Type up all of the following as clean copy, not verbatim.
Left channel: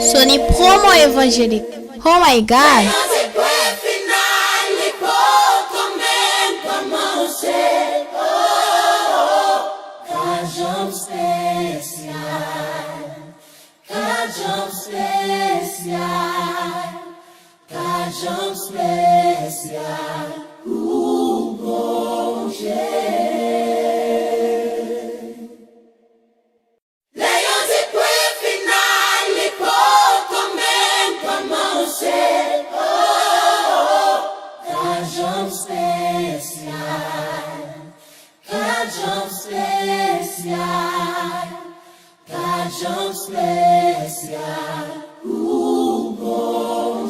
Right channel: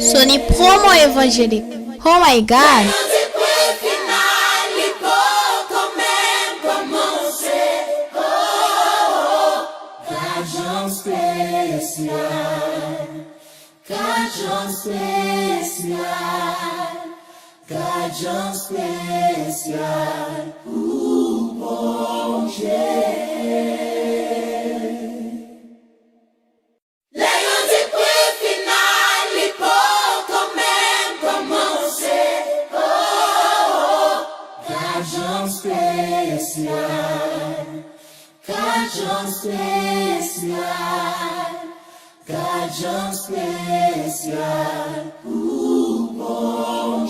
Sony Promo évangélique. Oh my God. Cajão especial, o bom Leões e quei finali, commento a mão Cajão especial, cajão especial, cajão especial, o bom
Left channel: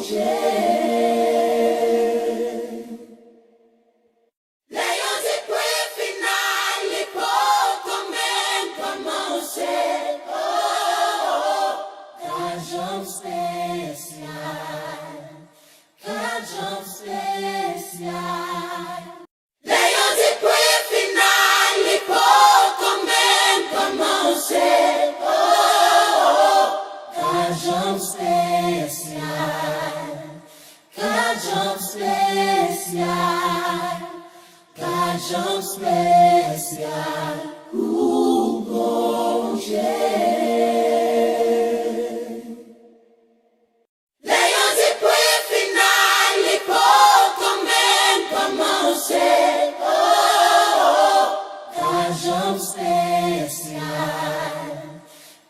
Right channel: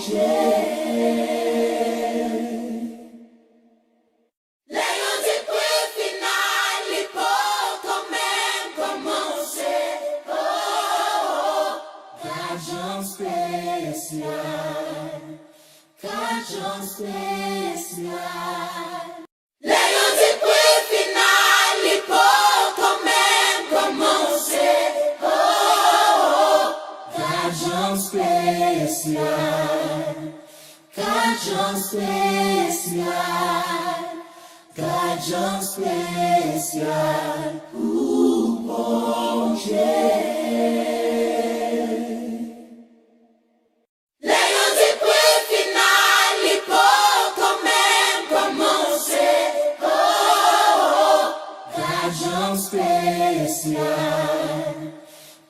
Leões e quei finali, commento a mão Cajão especial, cajão especial. Leões e quei finali, commento a mão Cajão especial, cajão especial, cajão especial, o bom Leões e quei finali, commento a mão Cajão especial,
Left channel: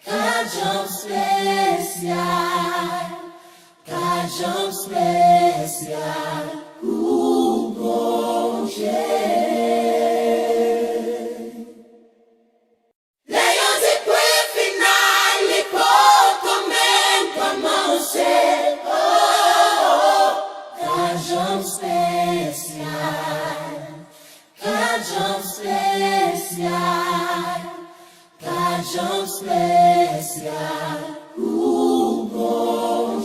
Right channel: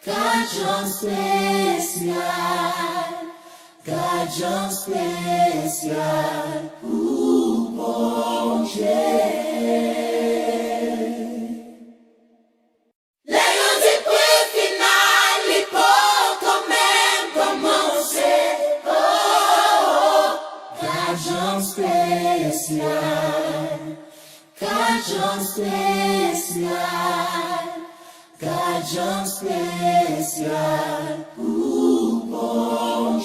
cajão especial, cajão especial, o bom Leões e quei finali, commento a mão Cajão especial, cajão especial, cajão especial, o bom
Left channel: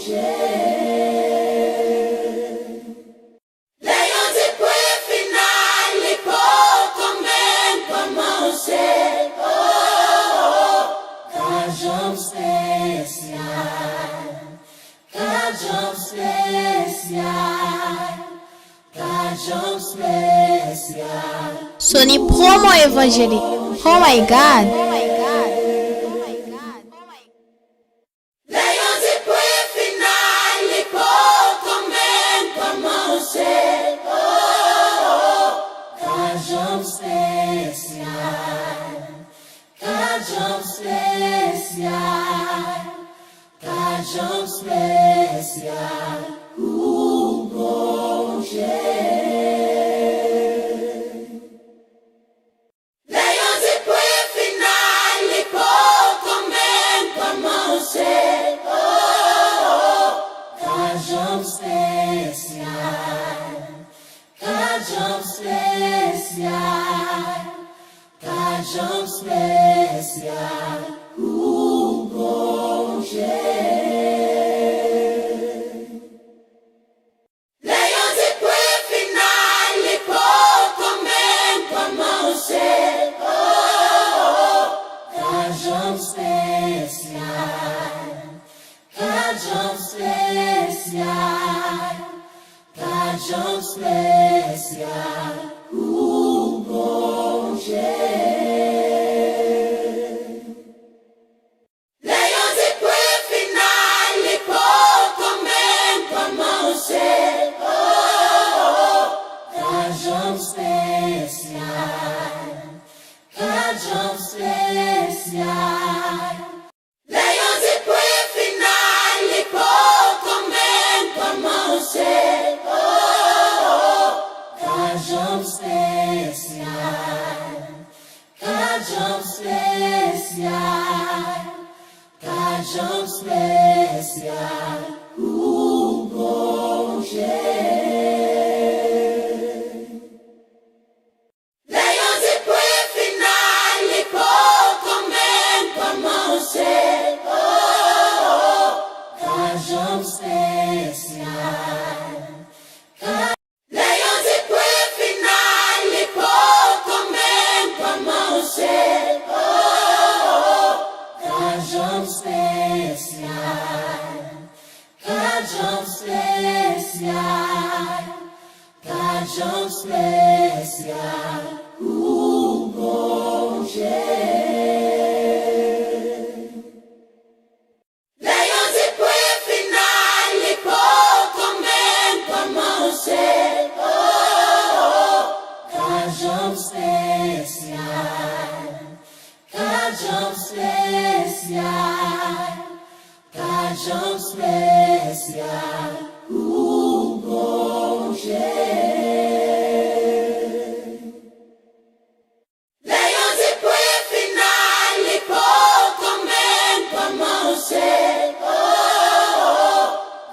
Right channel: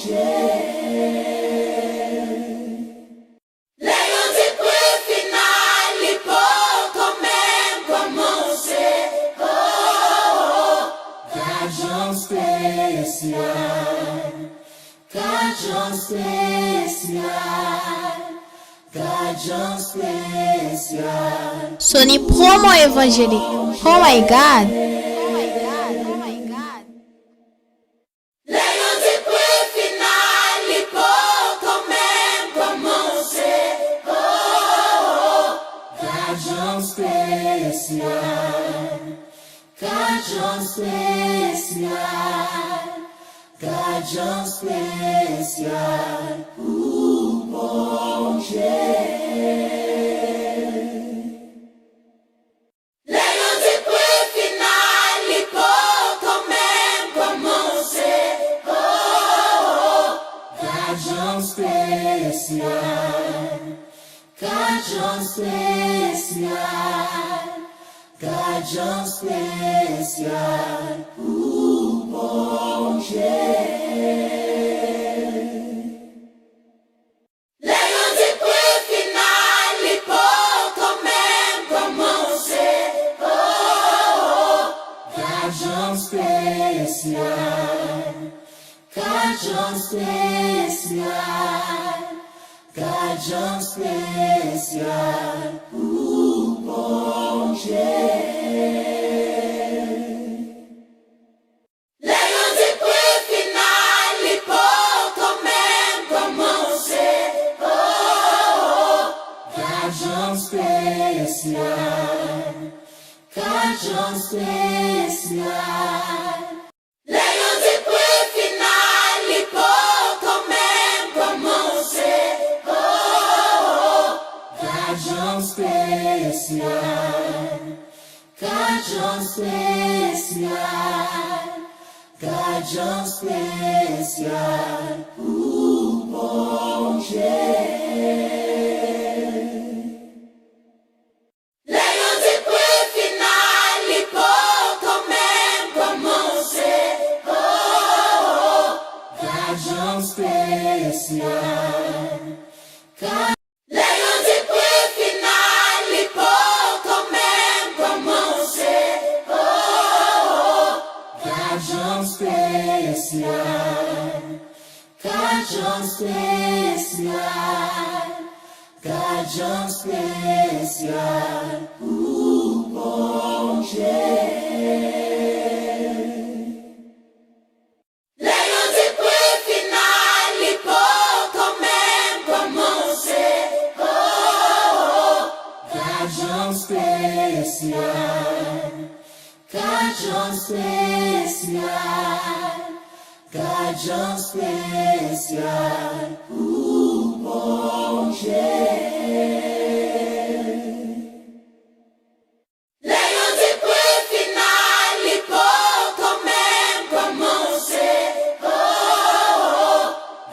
Leões e quei finali, commento a mão Cajão especial, cajão especial, cajão especial. Sony Promo évangélique. Oh my God. Leões e quei finali, commento a mão Cajão especial, cajão especial, cajão especial, o bom Leões e quei finali, commento a mão Cajão especial, cajão especial, cajão especial, o bom Leões e quei finali, commento a mão Cajão especial, cajão especial, cajão especial, o bom Leões e quei finali, commento a mão Cajão especial, cajão especial. Leões e quei finali, commento a mão Cajão especial, cajão especial, cajão especial, o bom Leões e quei finali, commento a mão Cajão especial, Leões e quei finali. Cajão especial, cajão especial, o bom jeito. Leões e pui final e pouco men como se, cajão especial, cajão especial, cajão especial, o bom jeito. Leões e pui final e pouco men como se,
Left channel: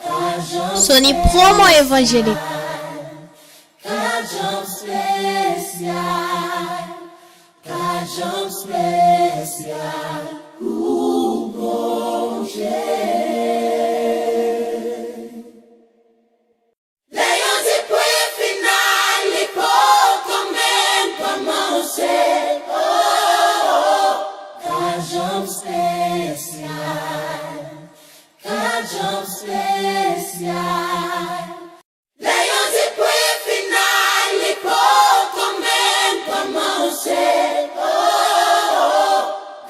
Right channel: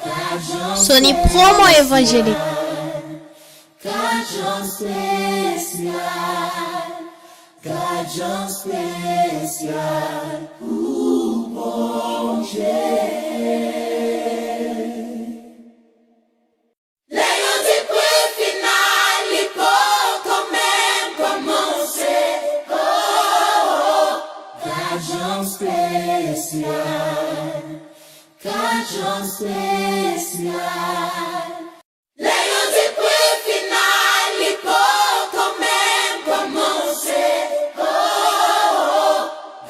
cajão Sony Promo Evangélique. cajão especial, cajão especial, o bom jeito. Leões e pui final e pouco men como se, cajão especial, cajão especial. Leões e pui final e pouco men como se,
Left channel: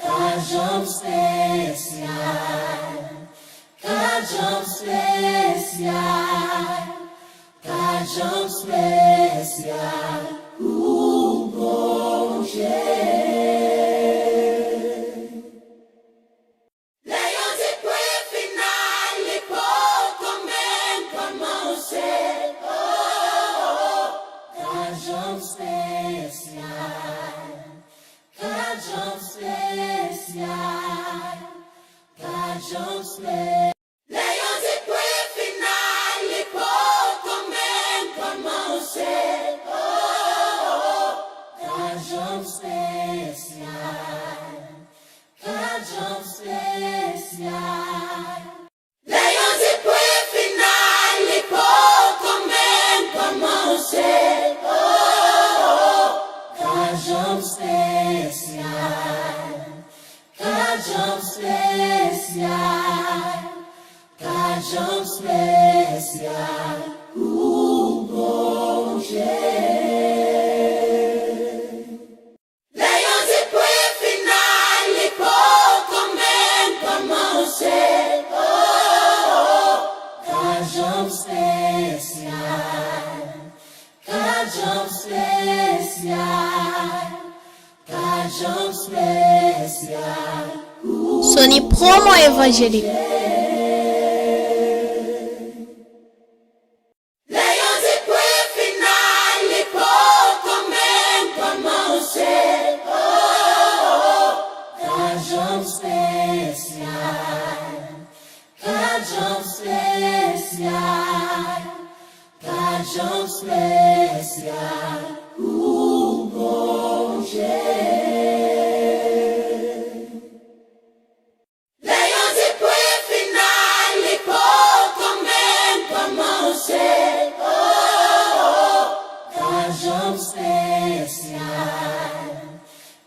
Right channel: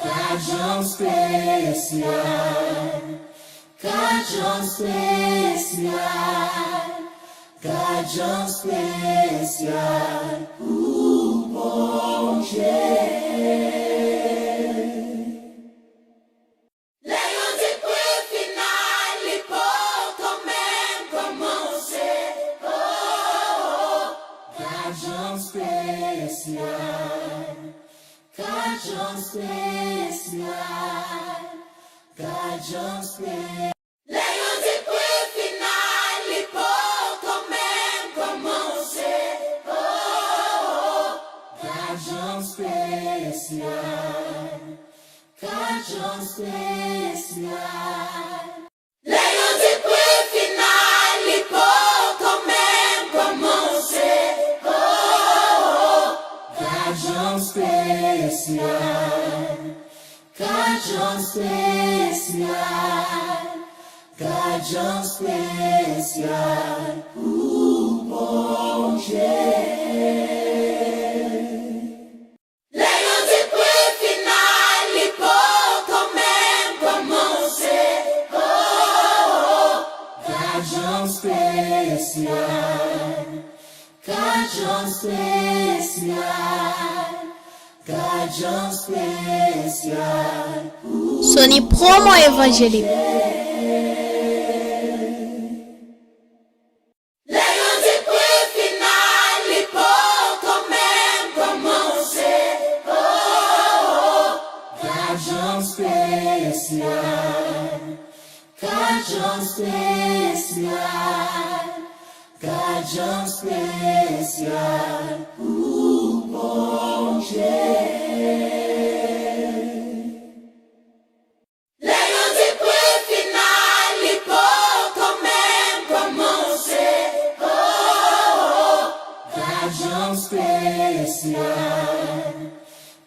cajão especial, cajão especial, cajão especial, o bom jeito. Leões e pui final e pouco men como se, cajão especial, cajão especial, cajão especial. Leões e pui final e pouco men como se, cajão especial, cajão especial. Leões e pui final e pouco men como se, cajão especial, cajão especial, cajão especial, o bom jeito. Leões e pui final e pouco men como se, cajão especial, cajão especial, cajão especial, Sony Promo Evangélique. Leões e pui final e pouco men como se, cajão especial, cajão especial, cajão especial, o bom jeito. Leões e pui final e pouco men como se, cajão especial,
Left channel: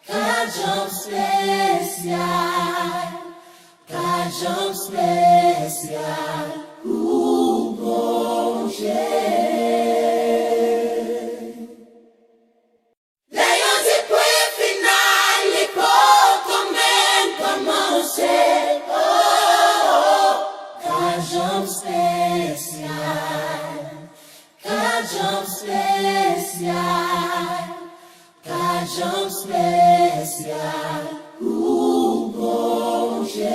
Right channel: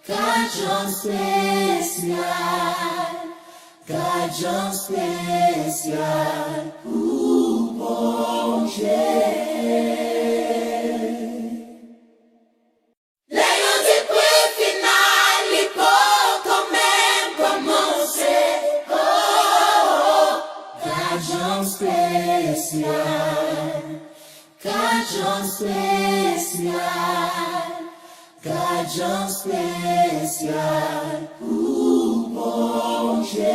cajão especial, cajão especial, o bom jeito. Leões e pui final e pouco men como se, cajão especial, cajão especial, cajão especial, o bom jeito.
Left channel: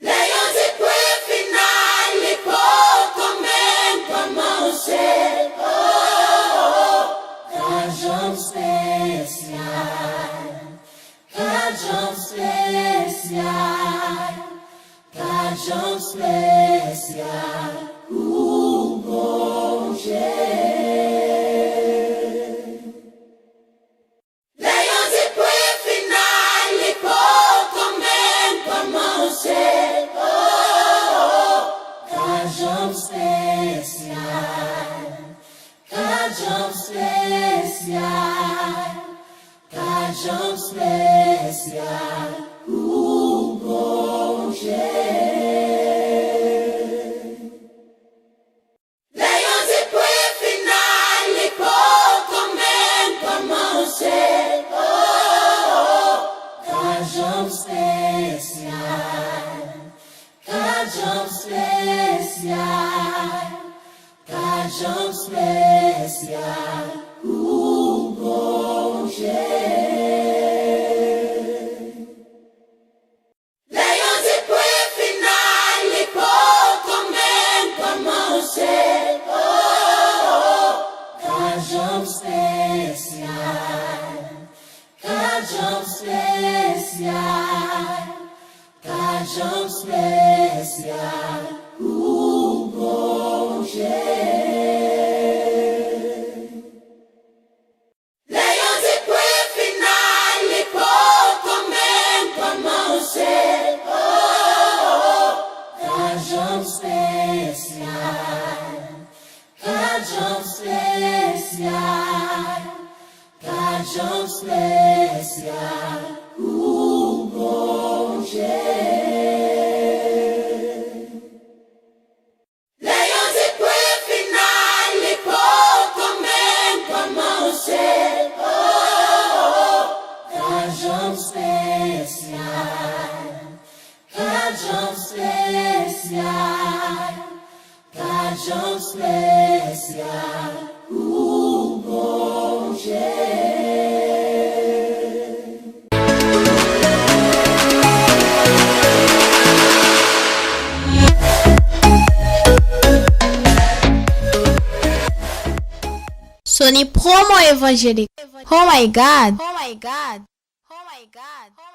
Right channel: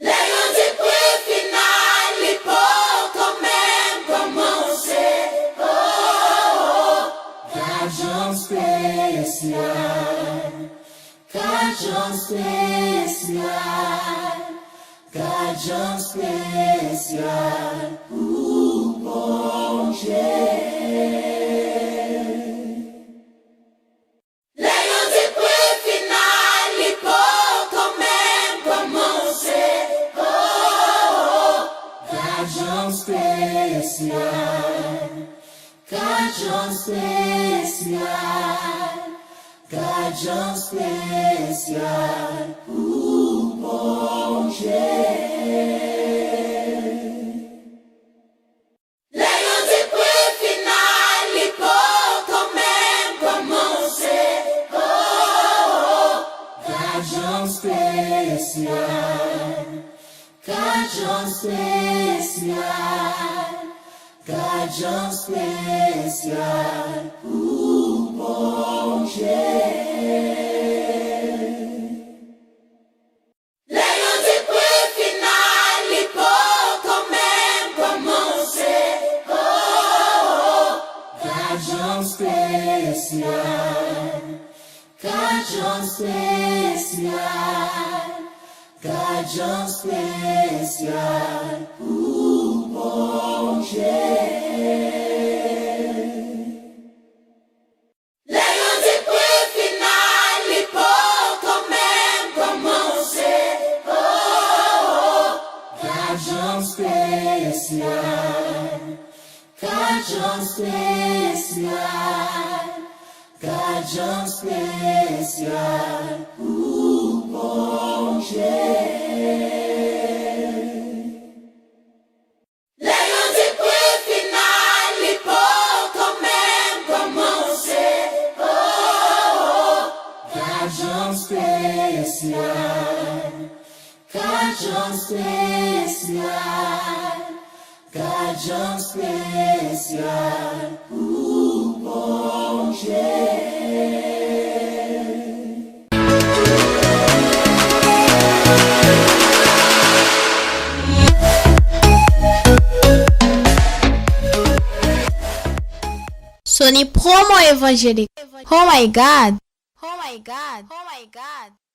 Leões e pui final e pouco men como se, cajão especial, cajão especial, cajão especial, o bom jeito. Leões e pui final e pouco men como se, cajão especial, cajão especial, cajão especial, o bom Cajão especial, o bom Leio de que final e pouco mesmo como se Cajão especial, cajão especial, cajão especial, o bom Leio de que final e pouco mesmo como se Cajão especial, cajão especial, cajão especial, o bom Leio de que final e pouco mesmo como se Cajão especial, cajão especial, cajão especial, o bom Sony promo évangélique. Oh my God. Oh my God. Oh my God.